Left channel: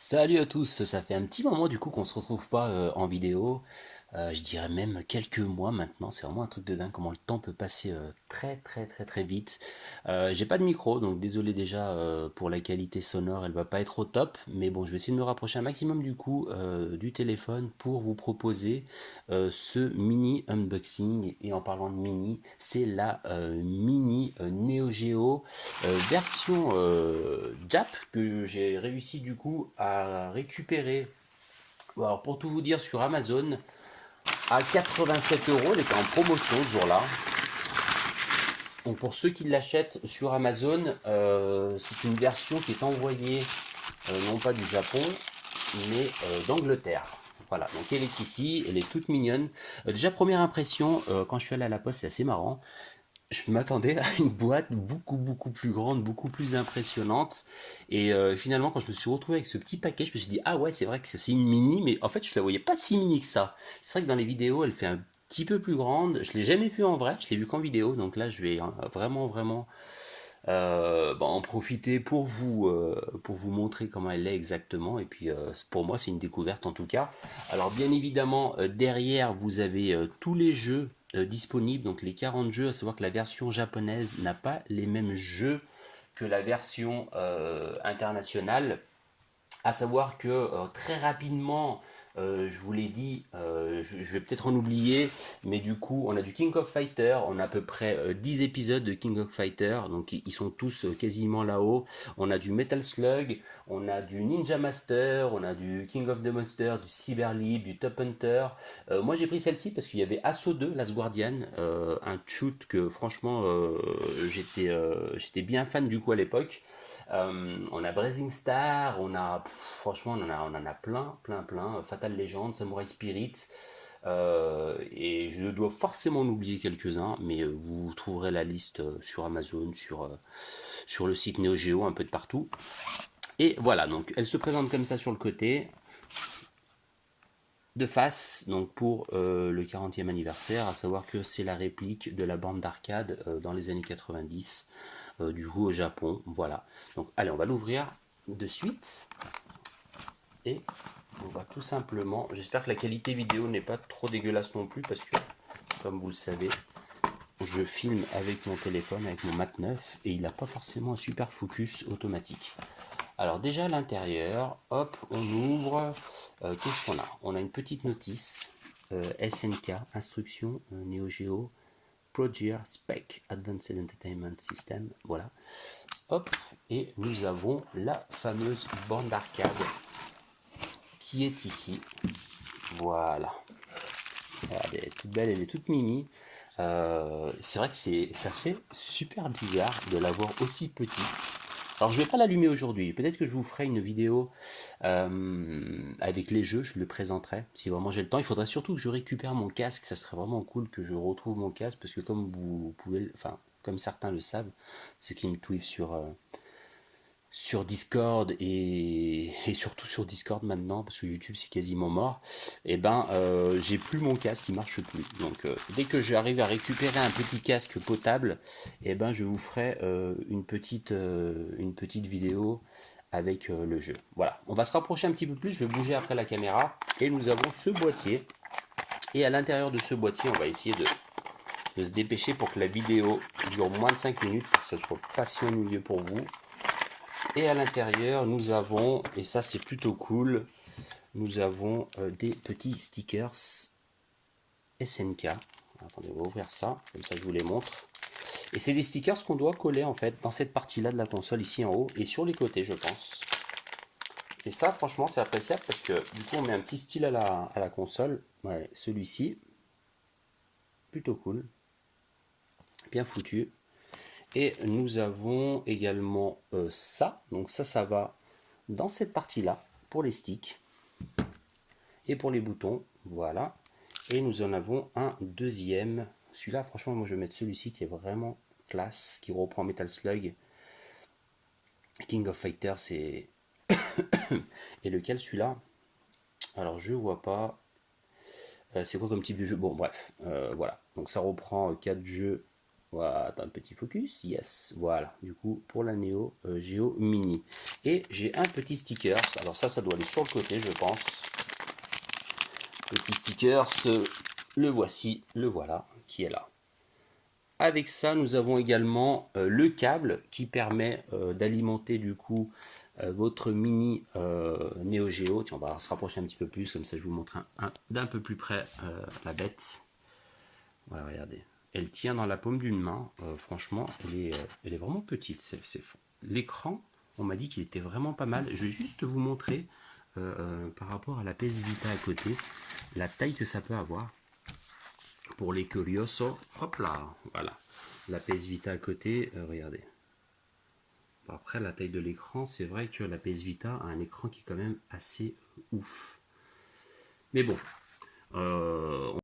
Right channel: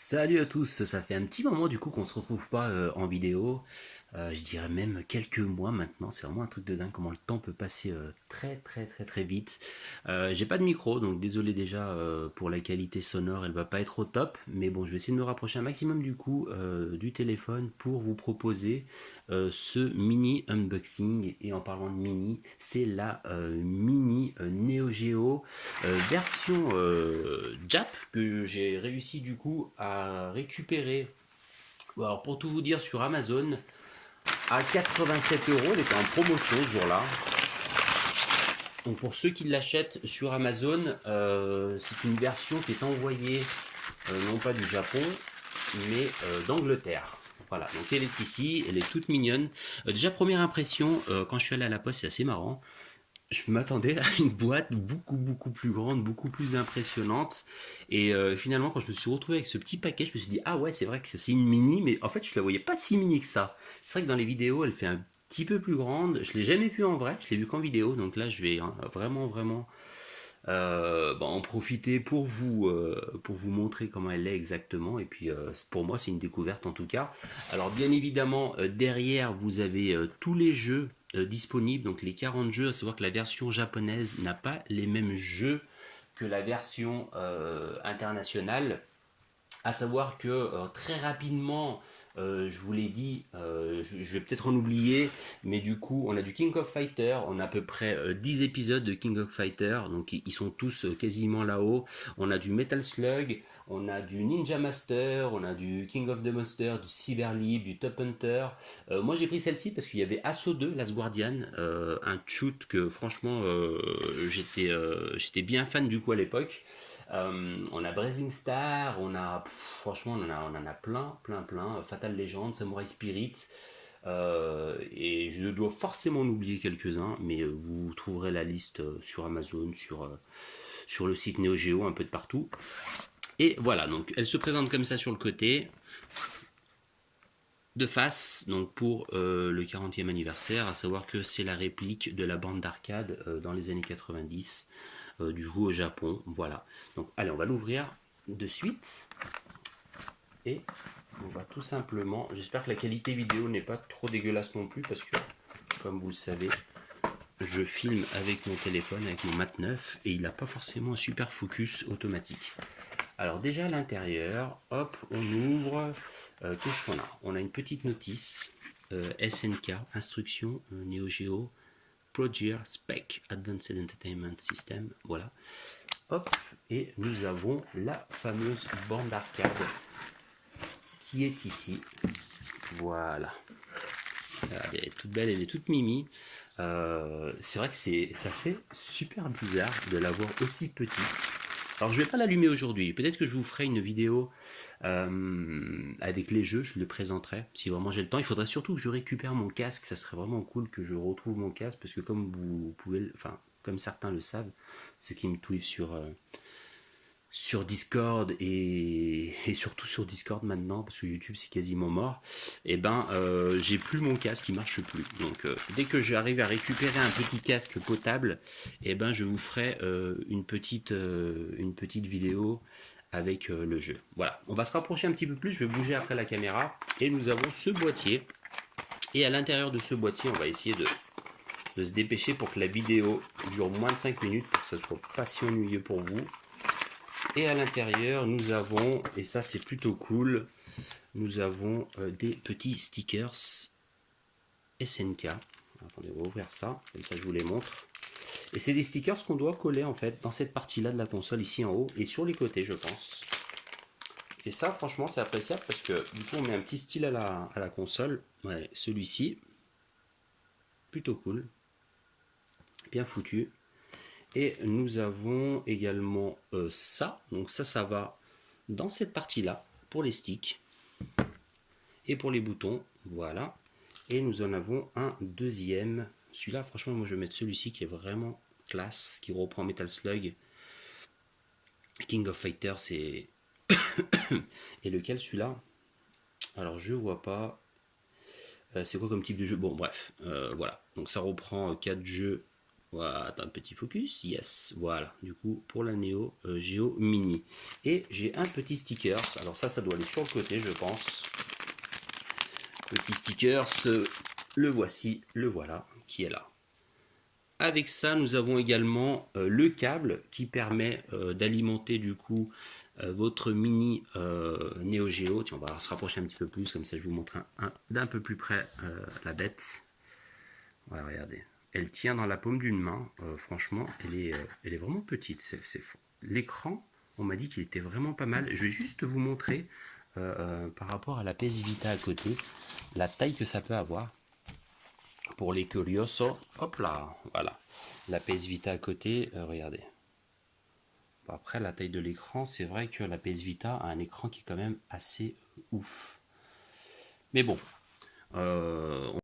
Salut à tous, ça fait un petit moment du coup qu'on se retrouve pas en vidéo. Je dirais même quelques mois maintenant, c'est vraiment un truc de dingue comment le temps peut passer très vite. J'ai pas de micro donc désolé déjà pour la qualité sonore, elle va pas être au top, mais bon je vais essayer de me rapprocher un maximum du coup du téléphone pour vous proposer ce mini unboxing. Et en parlant de mini, c'est la mini Neo Geo version Jap que j'ai réussi du coup à récupérer. Bon, alors pour tout vous dire, sur Amazon à 87 euros, elle était en promotion ce jour-là. Donc pour ceux qui l'achètent sur Amazon, c'est une version qui est envoyée non pas du Japon, mais d'Angleterre. Voilà, donc elle est ici, elle est toute mignonne. Déjà première impression, quand je suis allé à la poste, c'est assez marrant. Je m'attendais à une boîte beaucoup plus grande, beaucoup plus impressionnante. Et finalement, quand je me suis retrouvé avec ce petit paquet, je me suis dit, ah ouais, c'est vrai que c'est une mini, mais en fait, je la voyais pas si mini que ça. C'est vrai que dans les vidéos, elle fait un petit peu plus grande. Je l'ai jamais vue en vrai, je l'ai vue qu'en vidéo. Donc là, je vais vraiment en profiter pour vous montrer comment elle est exactement. Et puis, pour moi, c'est une découverte en tout cas. Alors, bien évidemment, derrière, vous avez tous les jeux disponibles, donc les 40 jeux. À savoir que la version japonaise n'a pas les mêmes jeux que la version internationale. À savoir que très rapidement, je vous l'ai dit, je vais peut-être en oublier, mais du coup, on a du King of Fighter, on a à peu près 10 épisodes de King of Fighter, donc ils sont tous quasiment là-haut. On a du Metal Slug, on a du Ninja Master, on a du King of the Monster, du Cyberlib, du Top Hunter. Moi j'ai pris celle-ci parce qu'il y avait Assaut 2, Last Guardian, un shoot que franchement j'étais bien fan du coup à l'époque. On a Blazing Star, franchement, on en a plein. Fatal Legend, Samurai Spirit, et je dois forcément en oublier quelques-uns, mais vous trouverez la liste sur Amazon, sur le site Neo Geo, un peu de partout. Et voilà, donc elle se présente comme ça sur le côté, de face, donc pour le 40e anniversaire, à savoir que c'est la réplique de la bande d'arcade dans les années 90 du jeu au Japon. Voilà. Donc allez, on va l'ouvrir de suite et on va tout simplement. J'espère que la qualité vidéo n'est pas trop dégueulasse non plus parce que, comme vous le savez, je filme avec mon téléphone, avec mon Mat 9 et il n'a pas forcément un super focus automatique. Alors déjà à l'intérieur, hop, on ouvre. Qu'est-ce qu'on a? On a une petite notice SNK, instruction Neo Geo, Progear Spec Advanced Entertainment System. Voilà. Hop, et nous avons la fameuse bande d'arcade qui est ici. Voilà. Elle est toute belle, elle est toute mimi. C'est vrai que ça fait super bizarre de l'avoir aussi petite. Alors je vais pas l'allumer aujourd'hui. Peut-être que je vous ferai une vidéo avec les jeux. Je le présenterai si vraiment j'ai le temps. Il faudrait surtout que je récupère mon casque. Ça serait vraiment cool que je retrouve mon casque parce que comme vous pouvez, enfin comme certains le savent, ceux qui me tweetent sur Discord et surtout sur Discord maintenant parce que YouTube c'est quasiment mort, et ben j'ai plus mon casque, il marche plus. Donc dès que j'arrive à récupérer un petit casque potable, et ben je vous ferai une petite vidéo avec le jeu. Voilà, on va se rapprocher un petit peu plus, je vais bouger après la caméra et nous avons ce boîtier. Et à l'intérieur de ce boîtier, on va essayer de se dépêcher pour que la vidéo dure moins de 5 minutes pour que ça soit pas si ennuyeux pour vous. Et à l'intérieur, nous avons, et ça c'est plutôt cool, nous avons des petits stickers SNK. Attendez, on va ouvrir ça, comme ça je vous les montre. Et c'est des stickers qu'on doit coller en fait dans cette partie-là de la console, ici en haut, et sur les côtés, je pense. Et ça, franchement, c'est appréciable parce que du coup, on met un petit style à la console. Ouais, celui-ci, plutôt cool, bien foutu. Et nous avons également ça. Donc ça va dans cette partie-là pour les sticks et pour les boutons. Voilà. Et nous en avons un deuxième. Celui-là, franchement, moi je vais mettre celui-ci qui est vraiment classe, qui reprend Metal Slug. King of Fighters c'est et lequel celui-là? Alors je vois pas. C'est quoi comme type de jeu? Bon bref, voilà. Donc ça reprend 4 jeux Voilà, un petit focus, yes, voilà, du coup pour la Neo Geo Mini. Et j'ai un petit sticker, alors ça doit aller sur le côté je pense. Petit sticker, le voici, le voilà, qui est là. Avec ça, nous avons également le câble qui permet d'alimenter du coup votre mini Neo Geo. Tiens, on va se rapprocher un petit peu plus, comme ça je vous montre d'un peu plus près la bête. Voilà, regardez. Elle tient dans la paume d'une main. Franchement, elle est vraiment petite. L'écran, on m'a dit qu'il était vraiment pas mal. Je vais juste vous montrer par rapport à la PS Vita à côté, la taille que ça peut avoir. Pour les curiosos, hop là, voilà. La PS Vita à côté, regardez. Bon, après, la taille de l'écran, c'est vrai que la PS Vita a un écran qui est quand même assez ouf. Mais bon,